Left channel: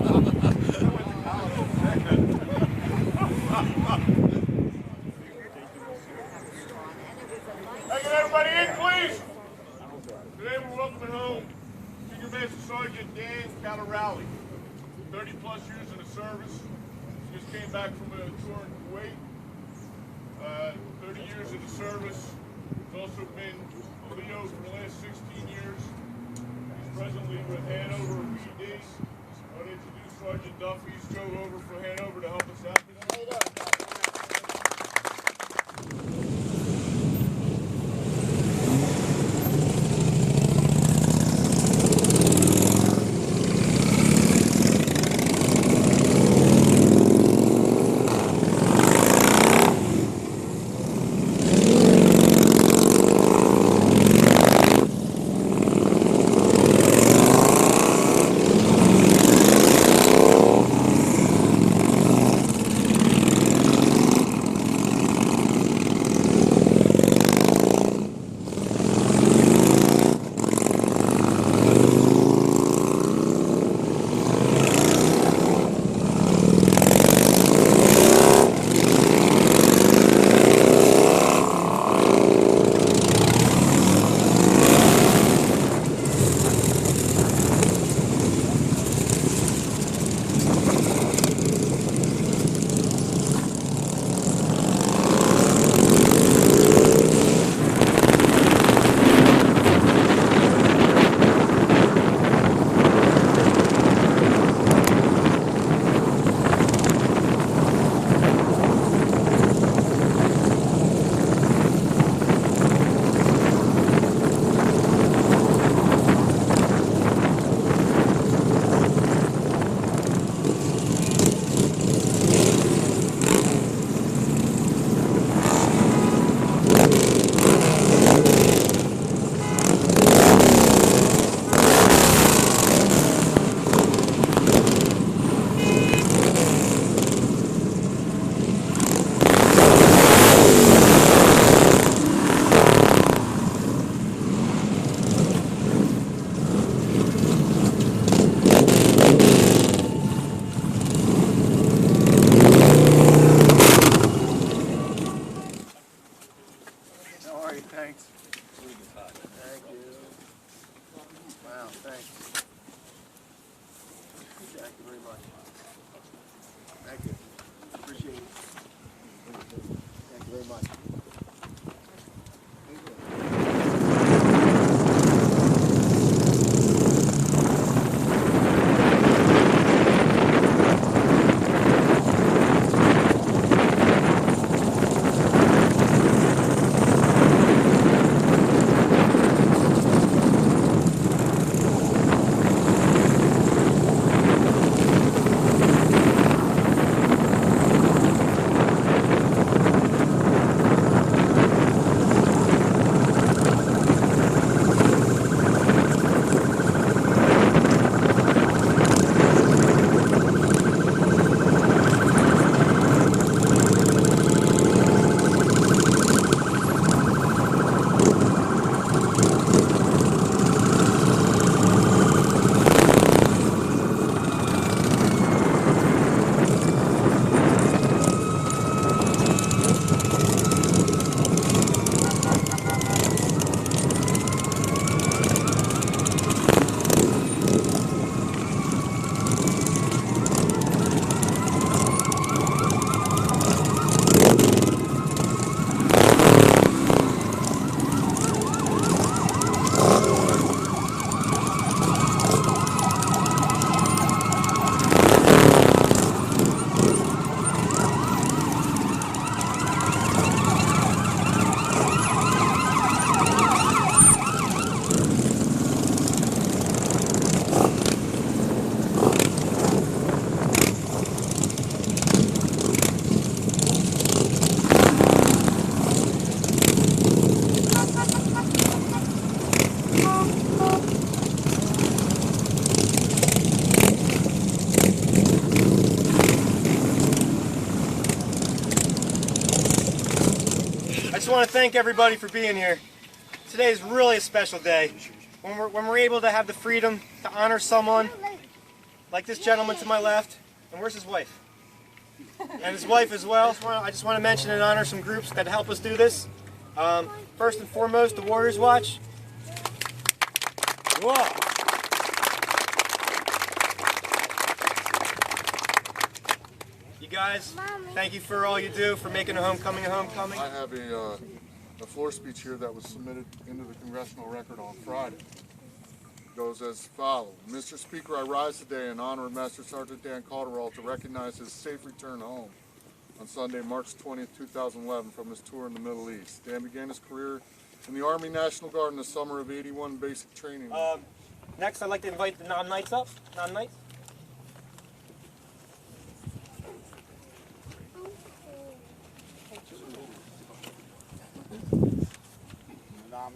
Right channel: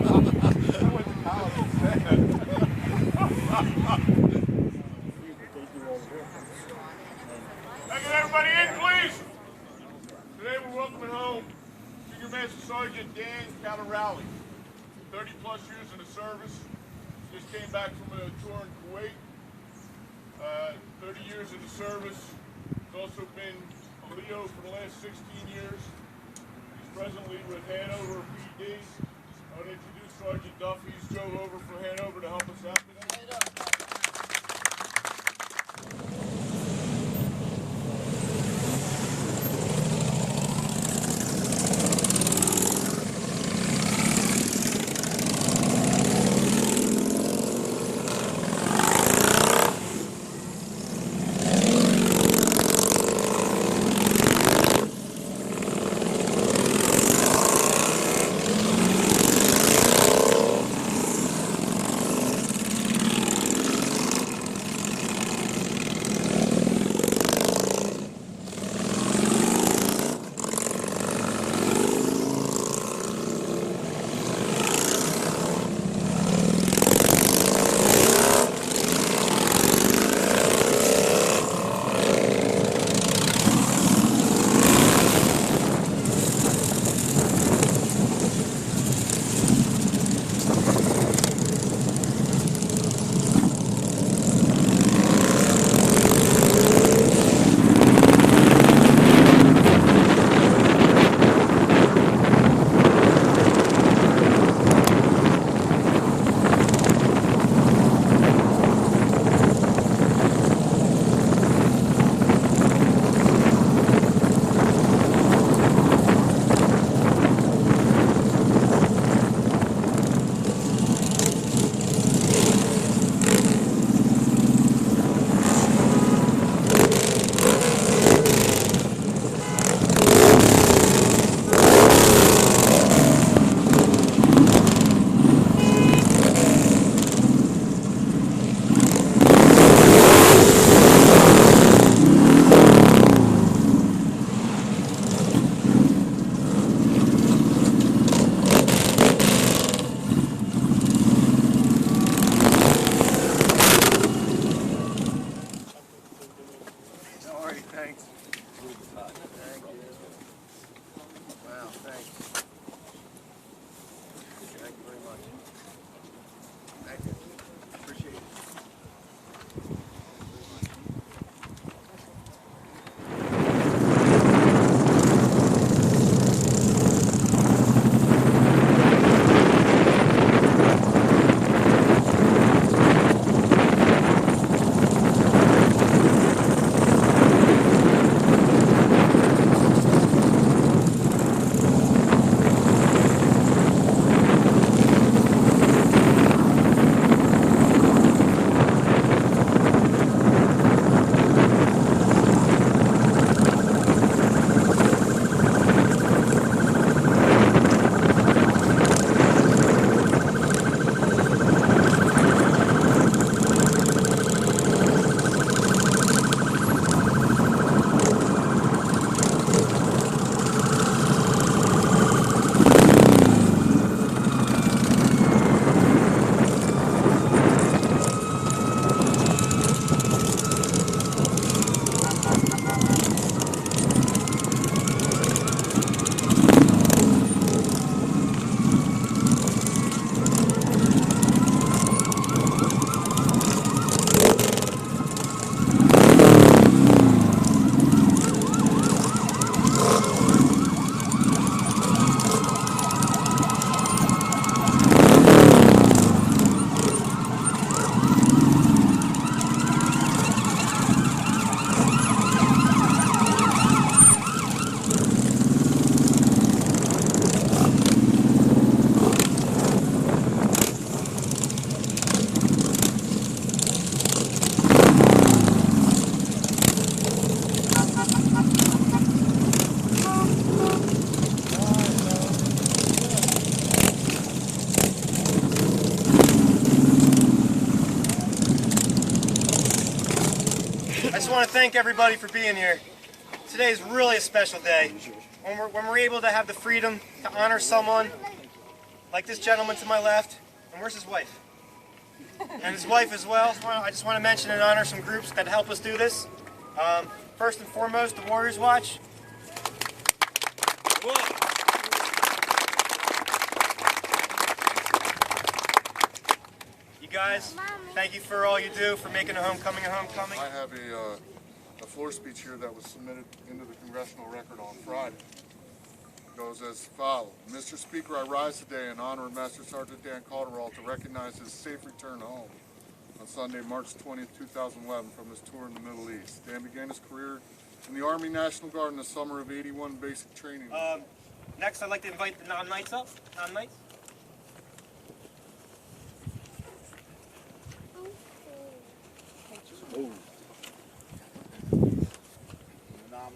went to college instead. Can everybody in, please? Today we're welcoming home Senior Master Sergeant Dan Caldarale. 30 plus years in the service. Just came back from a tour in Kuwait. 30 years in the service. He's also been Leo for the last 16 years. He's presently with Hanover PD. I would introduce Sergeant Duffy. He's go over for Hanover to help us out today. Thanks. Thank you. Wow, thanks. Thank you very much. Thank you. Appreciate it. Thank you very much. I just want to thank everybody for being here. Today is really a special day. When we're able to have the freedom to honor someone like this gentleman to my left, and where's his wife? And his wife as well. I just want to mention and honor some groups that help us do this. First and foremost, the Warriors Watch. Whoa. You guys, thank you for all you do for making a homecoming a homecoming. I have a floor speech here that was submitted into the congressional record on Friday. It goes as follows. Mr. Speaker, I rise today in honor of Master Sergeant Dan Caldarale to recognize his safe return home on Sunday, March 20th, 2011 from his tour in the Middle East. Dan began his career in the Army National Guard in the summer of '81 basic training. Next, I'd like to invite the non-knights up. Non-knights.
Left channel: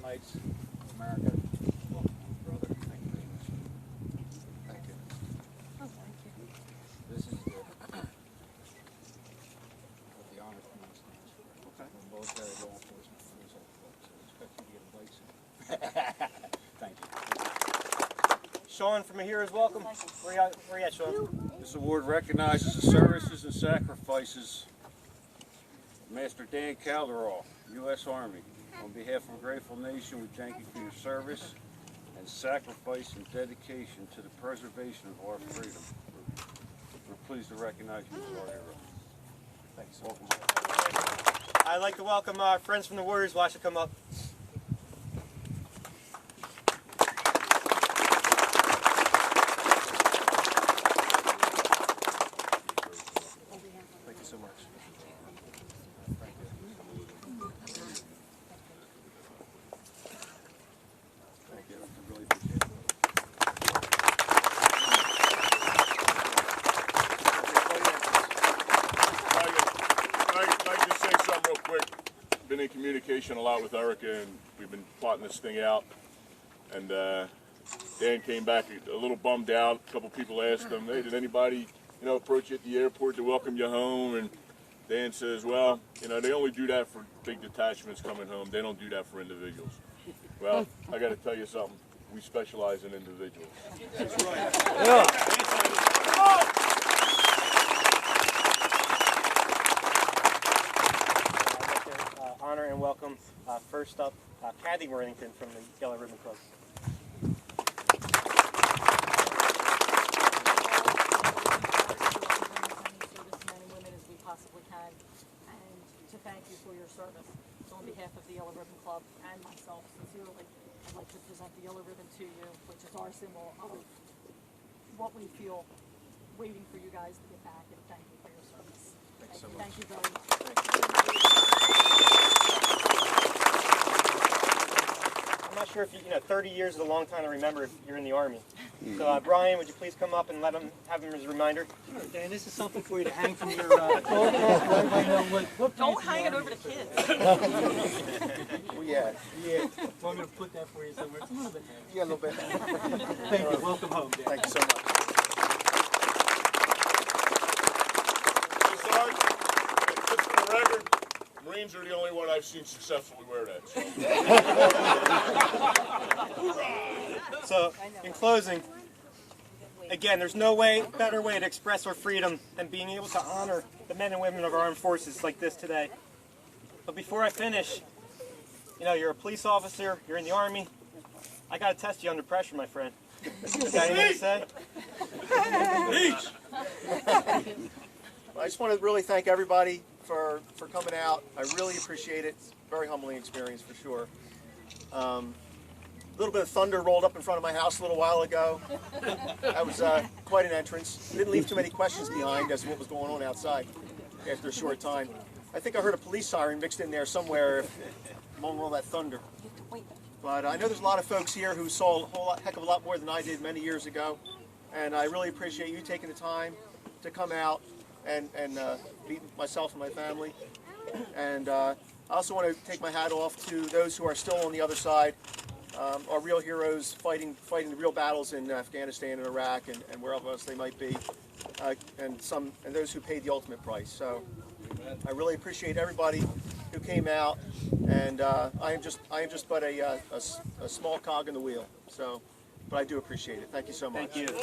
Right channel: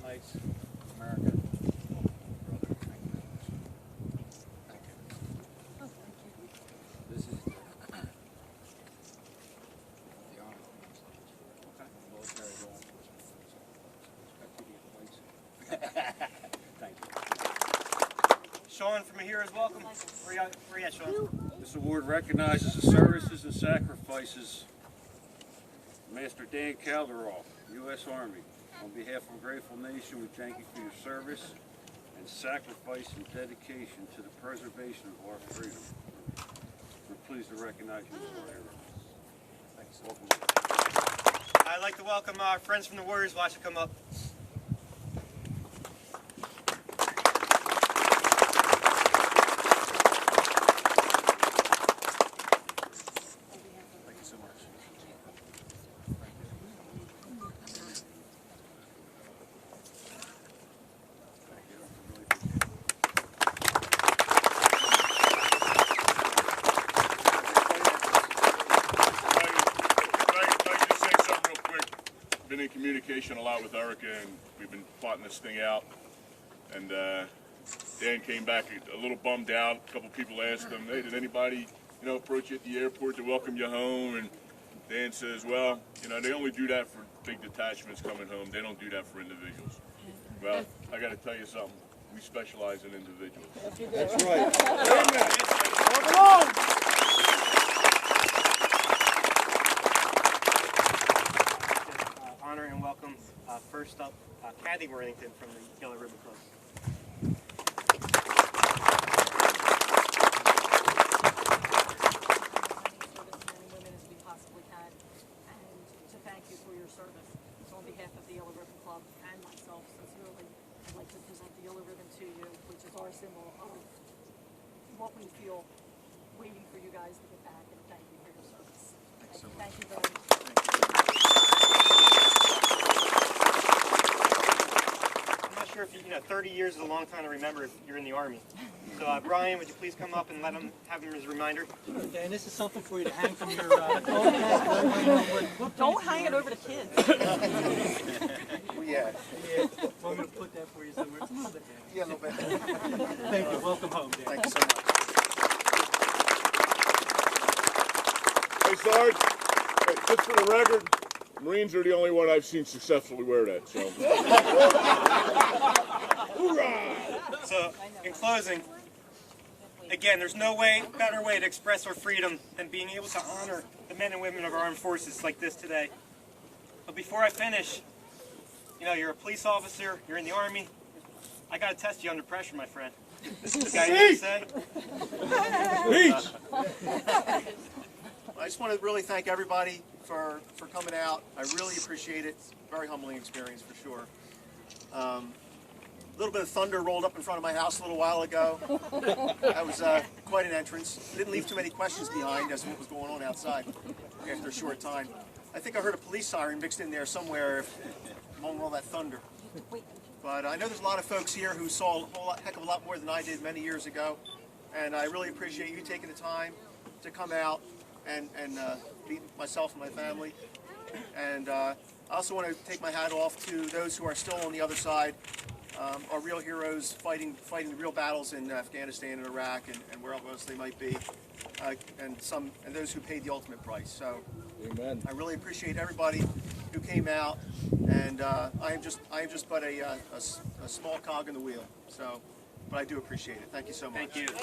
Knights of America. Welcome, brother. Thank you very much. Thank you. Oh, thank you. This is the honor stands for. Okay. Military law enforcement police officers. So we expect you to get plates. Thank you. Sean from here is welcome. Where you at, Sean? This award recognizes the services and sacrifices of Msgt Dan Caldarale, U.S. Army. On behalf of a grateful nation, we thank you for your service and sacrifice and dedication to the preservation of our freedom. We're pleased to recognize you as our heroes. Thanks. Welcome. I'd like to welcome our friends from the Warriors Watch to come up. Thank you so much. Thank you. Thank you. I really appreciate it. If I can just say something real quick. Been in communication a lot with Erica, and we've been plotting this thing out. And Dan came back a little bummed out. A couple people asked him, "Hey, did anybody, approach you at the airport to welcome you home?" And Dan says, "Well, they only do that for big detachments coming home. They don't do that for individuals." Well, I got to tell you something. We specialize in individuals. That's right. Honor and welcome, first up, Kathy Worthington from the Yellow Ribbon Club. To thank you for your service. So on behalf of the Yellow Ribbon Club and myself, sincerely, I'd like to present the Yellow Ribbon to you, which is our symbol of what we feel waiting for you guys to get back, and thank you for your service. Thanks so much. Thank you very much. I'm not sure if 30 years is a long time to remember if you're in the Army. So Brian, would you please come up and have him as a reminder? Okay, and this is something for you to hang from your coat. Don't hang it over the kids. Yeah. So I'm going to put that for you somewhere. Yeah, a little bit. Thank you. Welcome home, Dan. Thank you so much. Hey, Sarge, just for the record, Marines are the only one I've seen successfully wear that. So, in closing, again, there's no better way to express our freedom than being able to honor the men and women of our armed forces like this today. But before I finish, you're a police officer, you're in the Army. I got to test you under pressure, my friend. Got anything to say? I just want to really thank everybody for coming out. I really appreciate it. It's a very humbling experience for sure. A little bit of thunder rolled up in front of my house a little while ago. That was quite an entrance. Didn't leave too many questions behind as to what was going on outside after a short time. I think I heard a police siren mixed in there somewhere among all that thunder. But I know there's a lot of folks here who saw a heck of a lot more than I did many years ago. And I really appreciate you taking the time to come out and meet myself and my family. And I also want to take my hat off to those who are still on the other side. Our real heroes fighting the real battles in Afghanistan and Iraq and wherever else they might be, and those who paid the ultimate price. So, amen. I really appreciate everybody who came out, and I am just but a small cog in the wheel. So, but I do appreciate it. Thank you so much. Thank you.